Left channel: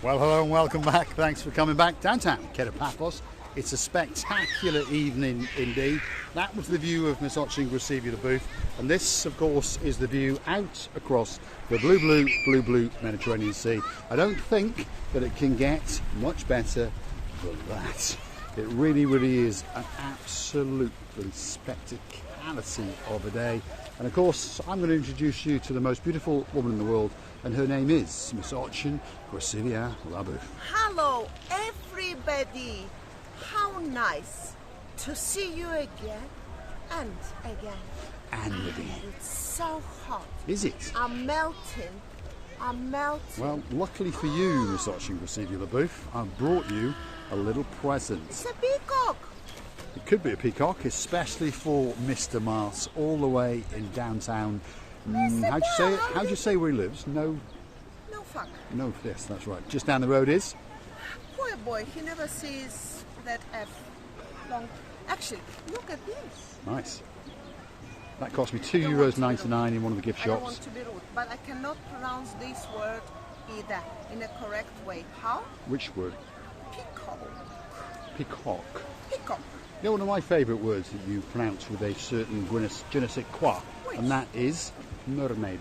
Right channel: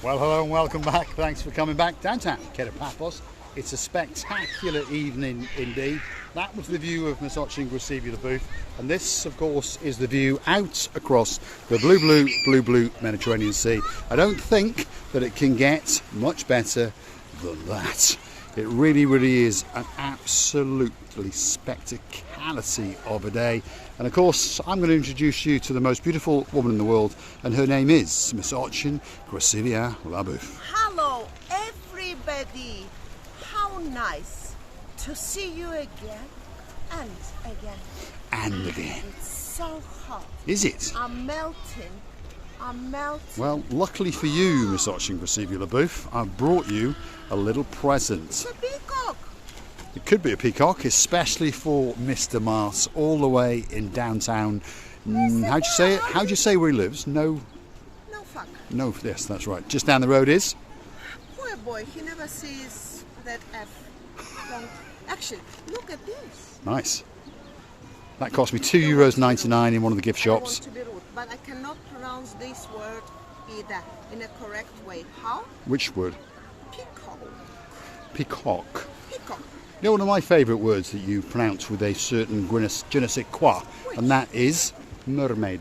Well, hello and welcome back. Thanks for coming back. Downtown Paphos. It's a spectacular evening indeed. That was the view of Misochin Gracevia booth, and this, of course, is the view out across the blue Mediterranean Sea. I don't think that it can get much better than that. It really is an absolutely spectacality of a day. And of course, I'm going to introduce you to the most beautiful woman in the world, and her name is Misochin Gracevia Labouf. Hello, everybody. How nice to see you again and again. And again. It's so hot. Is it? I'm melting. Well, luckily for you, Misochin Gracevia Labouf, I've brought you a little present. It's a peacock. It could be a peacock, especially for Mr. Mars, all the way in downtown. How'd you say it? How'd you say where he lives? No fuck. No, yes, that's right. Just down the road is? Poor boy, he never sees that F. Long. Actually, look at this. Nice. That cost me €2.99 in one of the gift I don't shops. want to be rude, but I cannot pronounce this word either in a correct way. How? Which word? Peacock. Peacock. Peacock. You know, one of my favourite words that you pronounce with a certain je ne sais quoi, and that is mermaid.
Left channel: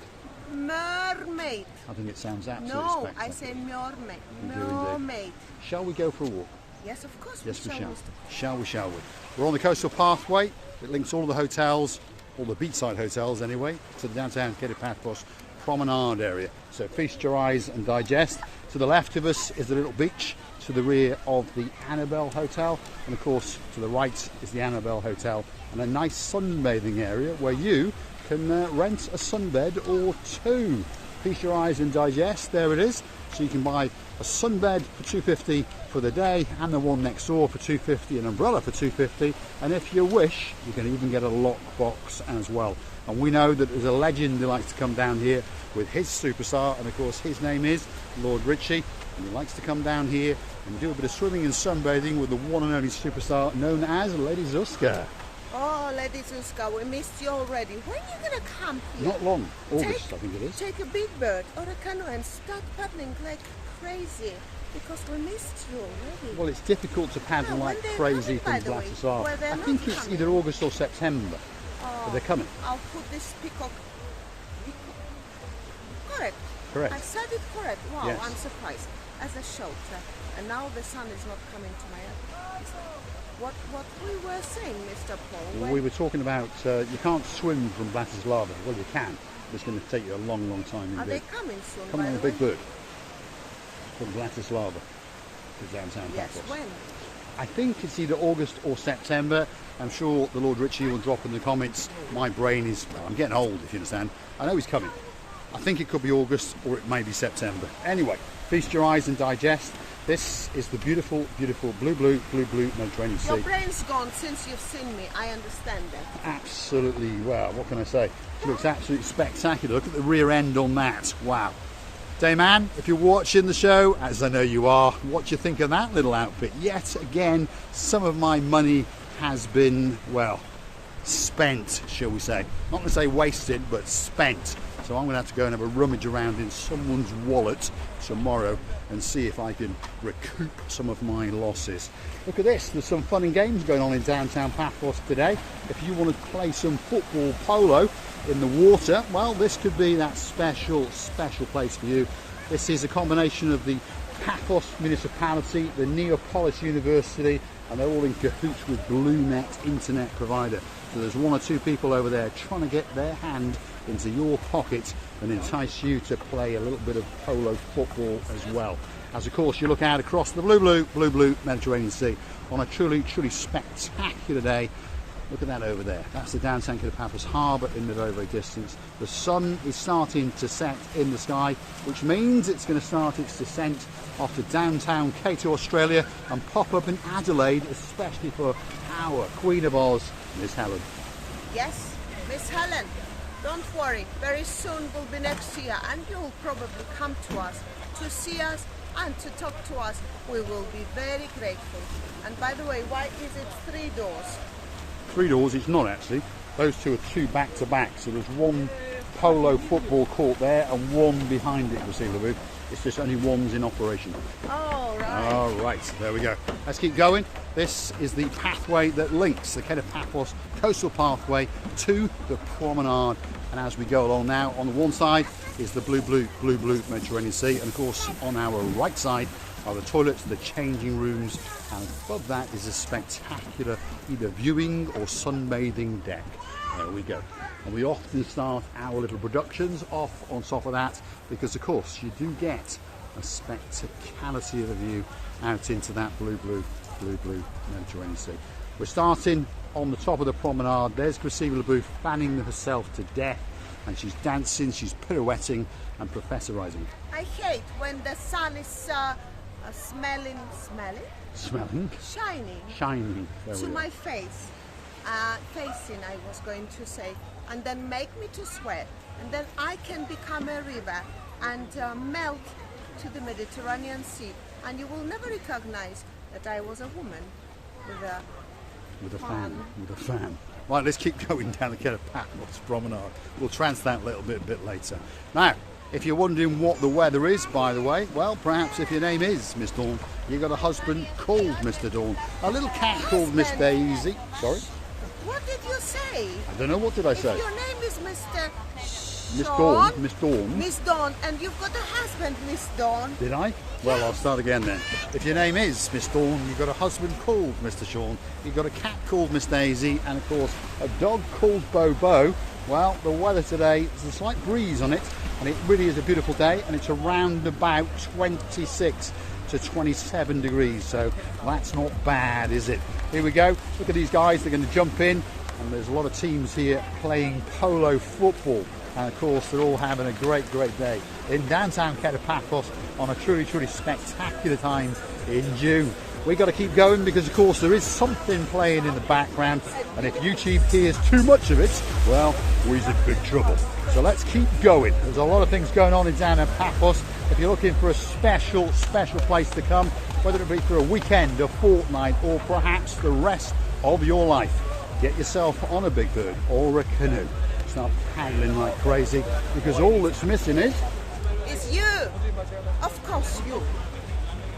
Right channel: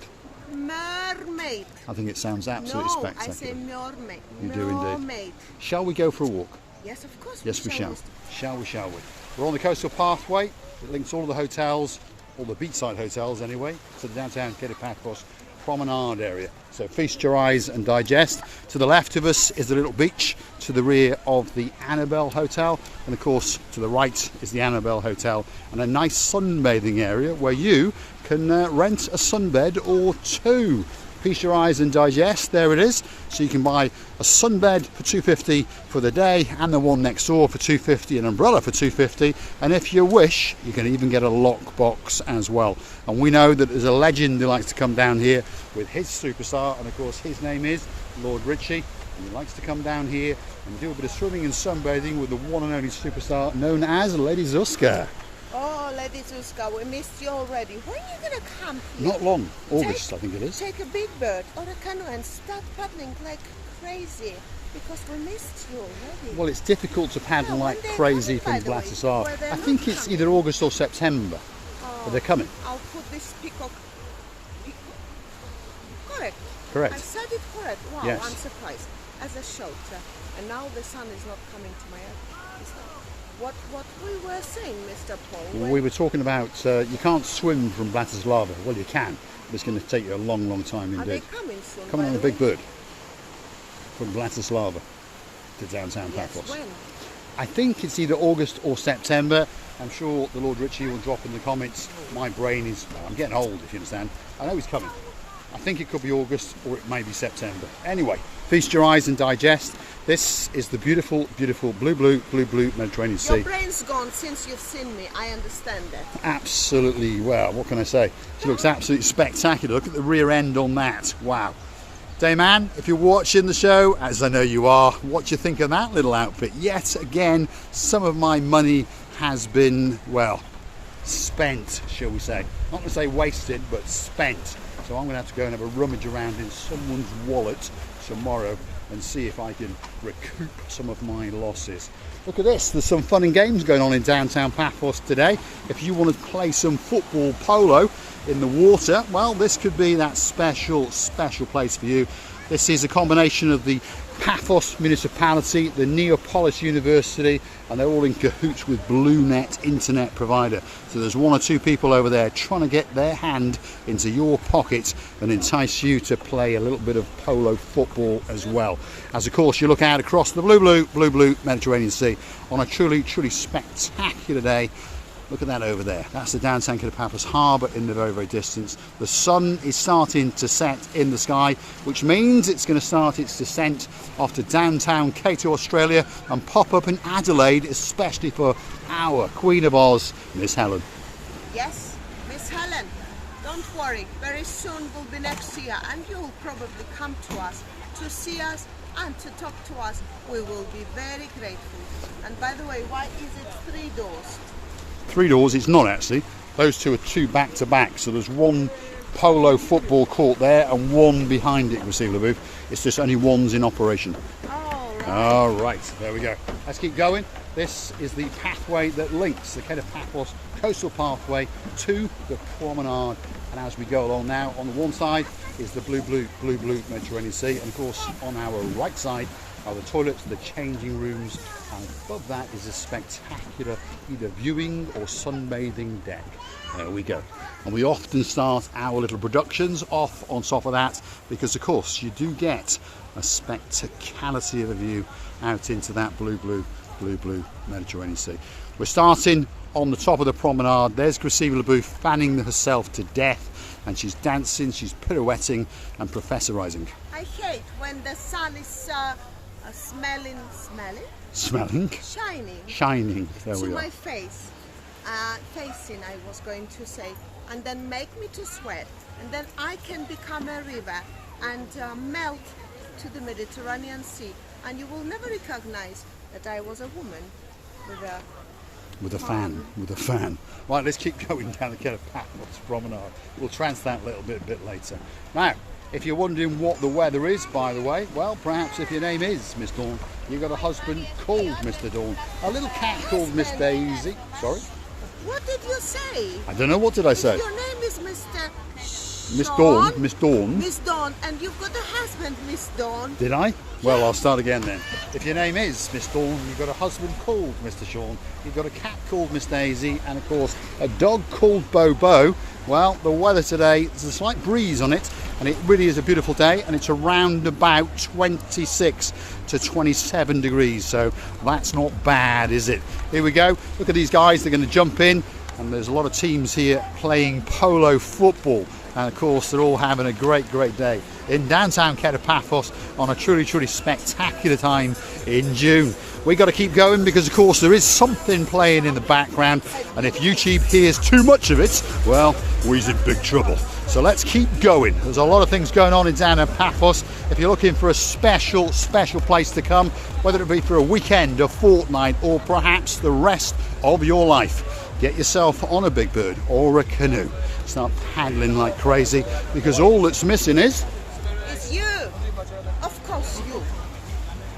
Mermaid. I think it sounds absolutely No, spectacular. I say mermaid. You do indeed. Mermaid. Shall we go for a walk? Yes, of course. Yes, we shall. Shall we? We're on the coastal pathway. It links all of the hotels, all the beachside hotels anyway, to the downtown Paphos Promenade area. So feast your eyes and digest. To the left of us is the little beach, to the rear of the Annabelle Hotel, and of course to the right is the Annabelle Hotel, and a nice sunbathing area where you can rent a sunbed or two. Feast your eyes and digest, there it is. So you can buy a sunbed for $2.50 for the day, and the one next door for $2.50, an umbrella for $2.50, and if you wish you can even get a lockbox as well. And we know that there's a legend who likes to come down here with his superstar, and of course his name is Lord Richie, and he likes to come down here and do a bit of swimming and sunbathing with the one and only superstar known as Lady Zuzka. Oh, Lady Zuzka, we missed you already. When are you going to come here? Not long. August, I think it is. Take a big bird or a canoe and start paddling like crazy, because we missed you already. Well, it's difficult to paddle like crazy from Bratislava. I think it's either August or September. But they're coming. I'll put this peacock. Correct. I said it correct. Wow, yes. I'm surprised. As a shelter. And now the sun is not coming to my head. Is that what we were saying, Mr. Paul? We were talking about you can't swim from Bratislava. Well, you can, but it's going to take you a long time indeed. Are they coming soon? Coming on a big bird from Bratislava to downtown Yes, Paphos. when? I think it's either August or September. I'm sure the Lord Richie will drop in the comments. My brain is, well, I'm getting old, if you understand. I know he's coming. I think it could be August or it may be September. Anyway, feast your eyes and digest. This is the beautiful blue Mediterranean Sea. Your brain's gone since you've seen me. I understand that. Absolutely. Well, what can I say? It looks absolutely spectacular. Look at the rear end on that. Wow. Dayman, if you're watching the show, as I know you are, what do you think of that little outfit? Yet again, some of my money has been, well, spent, shall we say. Not going to say wasted, but spent. So I'm going to have to go and have a rummage around in someone's wallet tomorrow and see if I can recoup some of my losses. Look at this, there's some fun and games going on in downtown Paphos today. If you want to play some football polo in the water, well, this could be that special place for you. This is a combination of the Paphos Municipality, the Neapolis University, and they're all in cahoots with BlueNet internet provider. So there's one or two people over there trying to get their hand into your pocket and entice you to play a little bit of polo football as well. As of course you look out across the blue Mediterranean Sea on a truly spectacular day. Look at that over there. That's the downtown Paphos harbour in the very distance. The sun is starting to set in the sky, which means it's going to start its descent off to downtown Cato, Australia, and pop up in Adelaide, especially for our Queen of Oz, Miss Helen. Yes, Miss Helen. Don't worry. Very soon we'll be next to you, and you'll probably come to us to see us and to talk to us. We will be very grateful. And by the way, why is it 3 doors? 3 doors, it's not actually. Those two are 2 back to back, so there's one polo football court there and one behind it, receiver booth. It's just only one's in operation. Oh, right. All right, there we go. Let's keep going. This is the pathway that links the Head of Paphos coastal pathway to the promenade. And as we go along now, on the one side is the blue Mediterranean Sea, and of course on our right side are the toilets, the changing rooms, and above that is a spectacular either viewing or sunbathing deck. There we go. And we often start our little productions off on top of that because of course you do get a spectacality of a view out into that blue Mediterranean Sea. We're starting on the top of the promenade. There's Graciela LeBouf fanning herself to death, and she's dancing, she's pirouetting and professorizing. I hate when the sun is shining There to we my are. face, facing I was going to say, and then make me to sweat, and then I can become a river and melt to the Mediterranean Sea, and you will never recognize that I was a woman with a fan. Right, let's keep going down the Paphos Promenade. We'll trance that a little bit later. Now, if you're wondering what the weather is, by the way, well, perhaps if your name is Miss Dawn, you've got a husband called Mr. Dawn, a little cat called Miss Daisy. Sorry? What did you say? I don't know, what did I say? If your name is Mr. Miss Dawn. Miss Dawn, and you've got a husband, Miss Dawn. Did I? Well, I'll start again then. If your name is Miss Dawn, you've got a husband called Mr. Sean, you've got a cat called Miss Daisy, and of course a dog called Bobo. Well, the weather today, there's a slight breeze on it, and it really is a beautiful day, and it's around about 26 to 27 degrees, so that's not bad, is it? Here we go. Look at these guys, they're going to jump in, and there's a lot of teams here playing polo football. And of course, they're all having a great day in downtown Paphos on a truly spectacular time in June. We got to keep going because, of course, there is something playing in the background, and if YouTube hears too much of it, well, we're in big trouble. So let's keep going. There's a lot of things going on in down at Paphos. If you're looking for a special place to come, whether it be for a weekend, a fortnight, or perhaps the rest of your life, get yourself on a big bird or a canoe. Start paddling like crazy, because all that's missing is you. Of course, you.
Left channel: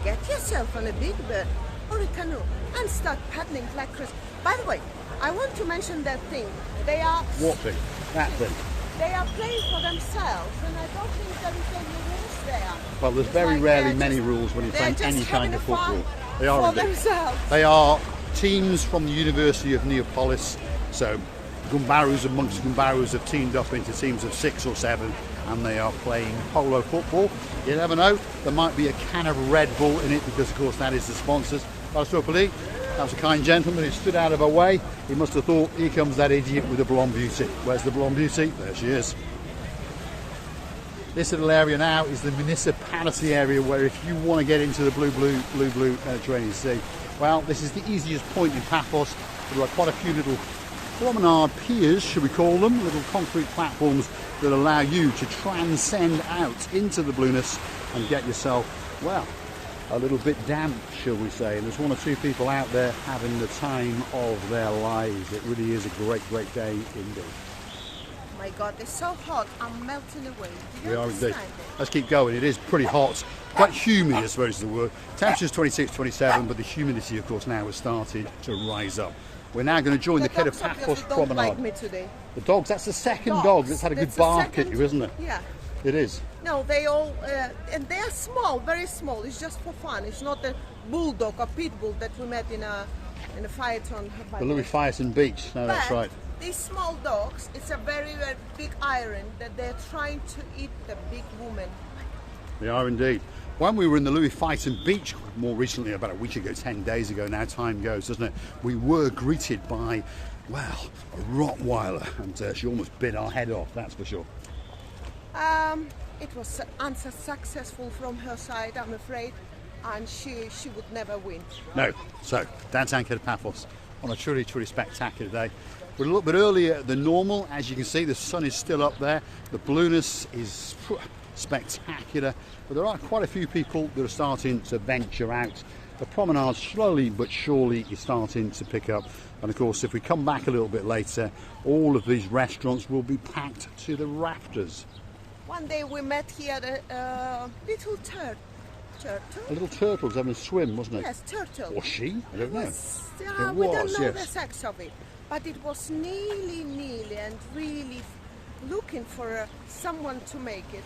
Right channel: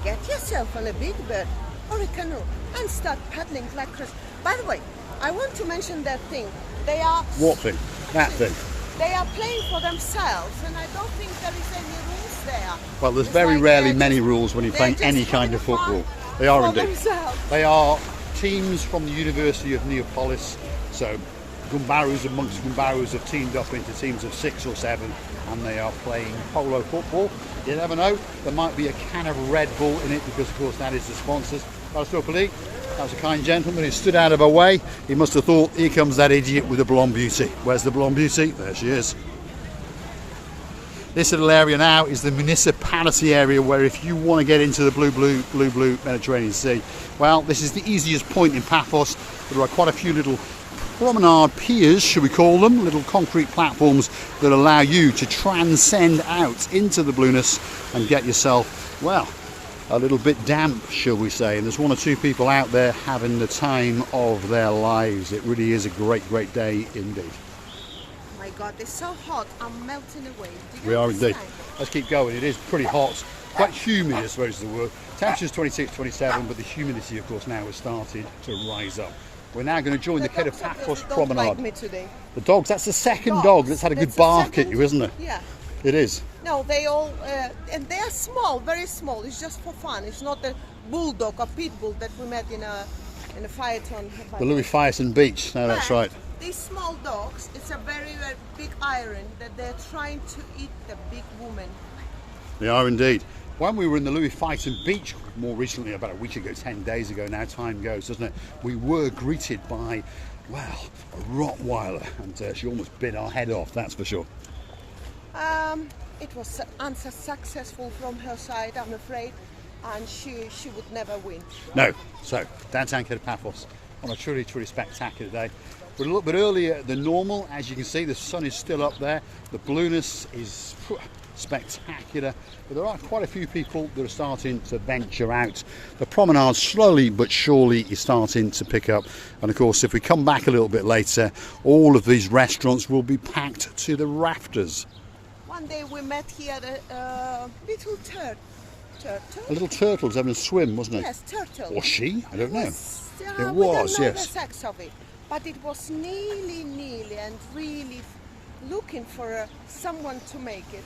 Get yourself on a big bird or a canoe and start paddling like crazy. By the way, I want to mention that thing. They are... What thing? That thing. They are playing for themselves, and I don't think there is any rules there. Well, there's very rarely many rules when you're playing any kind of football. They are for indeed. Themselves. They are teams from the University of Neapolis. So Gumbarus and Monks Gumbarus have teamed up into teams of 6 or 7, and they are playing polo football. You never know, there might be a can of Red Bull in it, because of course that is the sponsors. That was a kind gentleman who stood out of our way. He must have thought, here comes that idiot with the blonde beauty. Where's the blonde beauty? There she is. This little area now is the municipality area, where if you want to get into the blue Mediterranean Sea, well, this is the easiest point in Paphos. There are quite a few little promenade piers, should we call them, little concrete platforms that allow you to transcend out into the blueness and get yourself, well, a little bit damp, shall we say. And there's 1 or 2 people out there having the time of their lives. It really is a great day indeed. My God, it's so hot. I'm melting away. Do you We are understand? indeed. Let's keep going. It is pretty hot. Quite humid, I suppose is the word. Temperature's 26, 27, but the humidity, of course, now has started to rise up. We're now going to join the Head of Paphos Promenade. Like me today. The dogs, that's the second dog that's had a good bark at you, isn't it? Yeah. It is. No, they all, and they are small, very small. It's just for fun. It's not a bulldog or pit bull that we met in a phaeton. The Louis Fyerson Beach. No, that's But right. These small dogs, it's a very big iron that they're trying to eat the big woman. They are indeed. When we were in the Louis Fyerson Beach more recently, about a week ago, 10 days ago now, time goes, doesn't it? We were greeted by, well, a Rottweiler, and she almost bit our head off, that's for sure. It was unsuccessful from her side, I'm afraid, and she would never win. No. So, downtown Paphos on a truly spectacular day. We're a little bit earlier than normal. As you can see, the sun is still up there. The blueness is spectacular. But there are quite a few people that are starting to venture out. The promenade slowly but surely is starting to pick up. And of course, if we come back a little bit later, all of these restaurants will be packed to the rafters. One day we met here a little turtle. A little turtle was having a swim, wasn't it? Yes, turtle. Or she? I don't know. It We don't was, know yes. the sex of it, but it was nearly and really looking for someone to make it.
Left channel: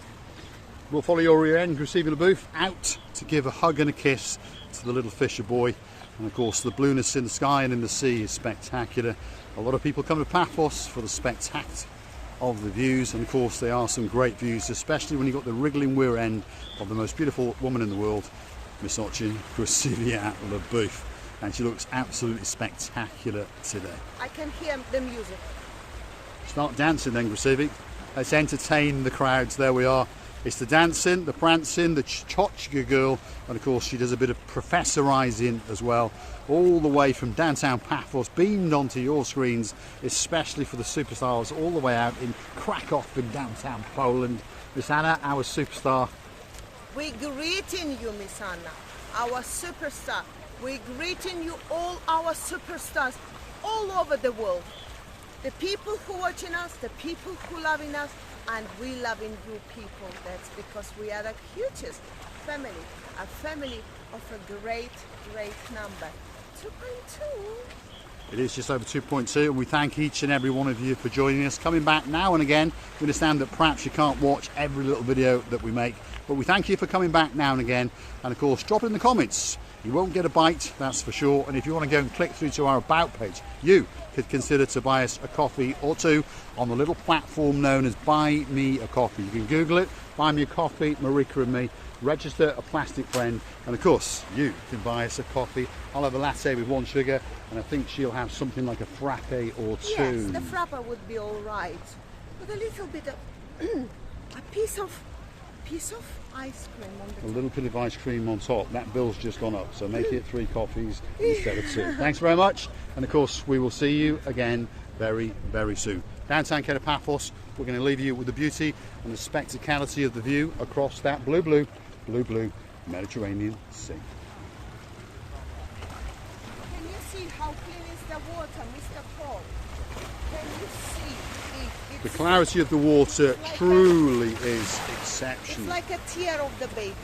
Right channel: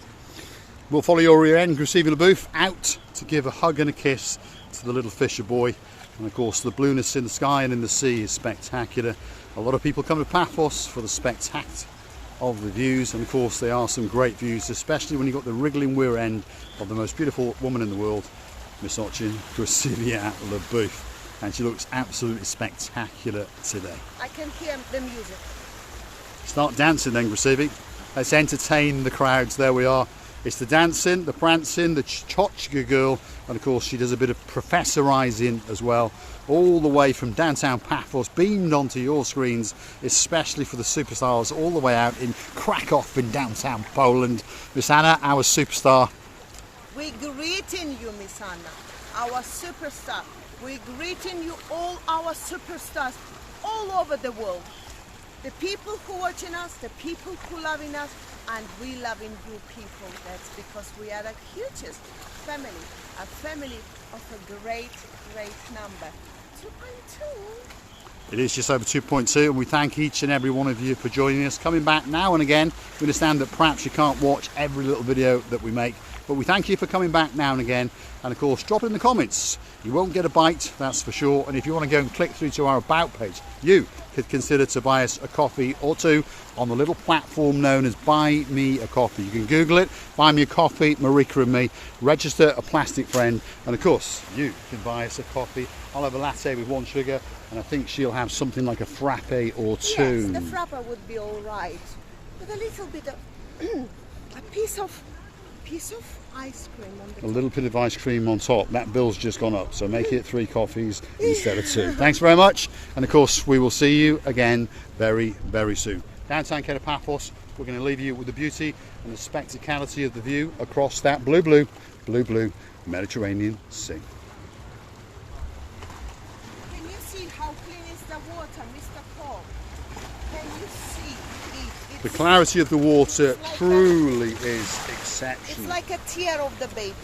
We'll follow your rear end, Grisevy LaBouffe, out to give a hug and a kiss to the little fisher boy. And of course, the blueness in the sky and in the sea is spectacular. A lot of people come to Paphos for the spectacle of the views, and of course there are some great views, especially when you've got the wriggling rear end of the most beautiful woman in the world, Miss Ochin, Grisevy LaBouffe, and she looks absolutely spectacular today. I can hear the music. Start dancing then, Grisevy. Let's entertain the crowds. There we are. It's the dancing, the prancing, the tchotchke girl, and of course she does a bit of professorising as well, all the way from downtown Paphos, beamed onto your screens, especially for the superstars all the way out in Krakow in downtown Poland. Miss Anna, our superstar. We're greeting you, Miss Anna, our superstar. We're greeting you, all our superstars all over the world. The people who watching us, the people who loving us, and we loving you people. That's because we are the hugest family, a family of a great number. 2.2. It is just over 2.2, and we thank each and every one of you for joining us, coming back now and again. We understand that perhaps you can't watch every little video that we make, but we thank you for coming back now and again. And of course, drop in the comments. You won't get a bite, that's for sure. And if you want to go and click through to our About page, you could consider to buy us a coffee or two on the little platform known as Buy Me a Coffee. You can Google it, Buy Me a Coffee, Marika and me, register a plastic friend, and of course you can buy us a coffee. I'll have a latte with 1 sugar, and I think she'll have something like a frappe or two. Yes, the frappe would be all right, with a little bit of a piece of ice cream on the top. A little bit of ice cream on top. That bill's just gone up, so make it 3 coffees instead of 2. Thanks very much, and of course we will see you again very soon. Downtown Paphos, we're going to leave you with the beauty and the spectacality of the view across that blue Mediterranean Sea. Can you see how clean is the water, Mr. Paul? Can you see? The clarity of the water truly is exceptional. It's like a tear of the baby.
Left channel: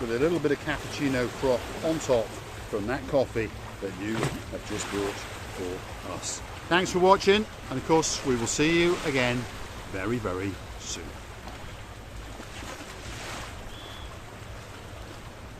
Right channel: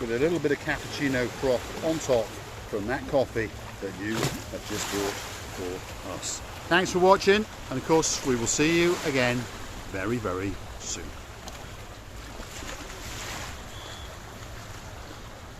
With a little bit of cappuccino froth on top from that coffee that you have just bought for us. Thanks for watching, and of course we will see you again very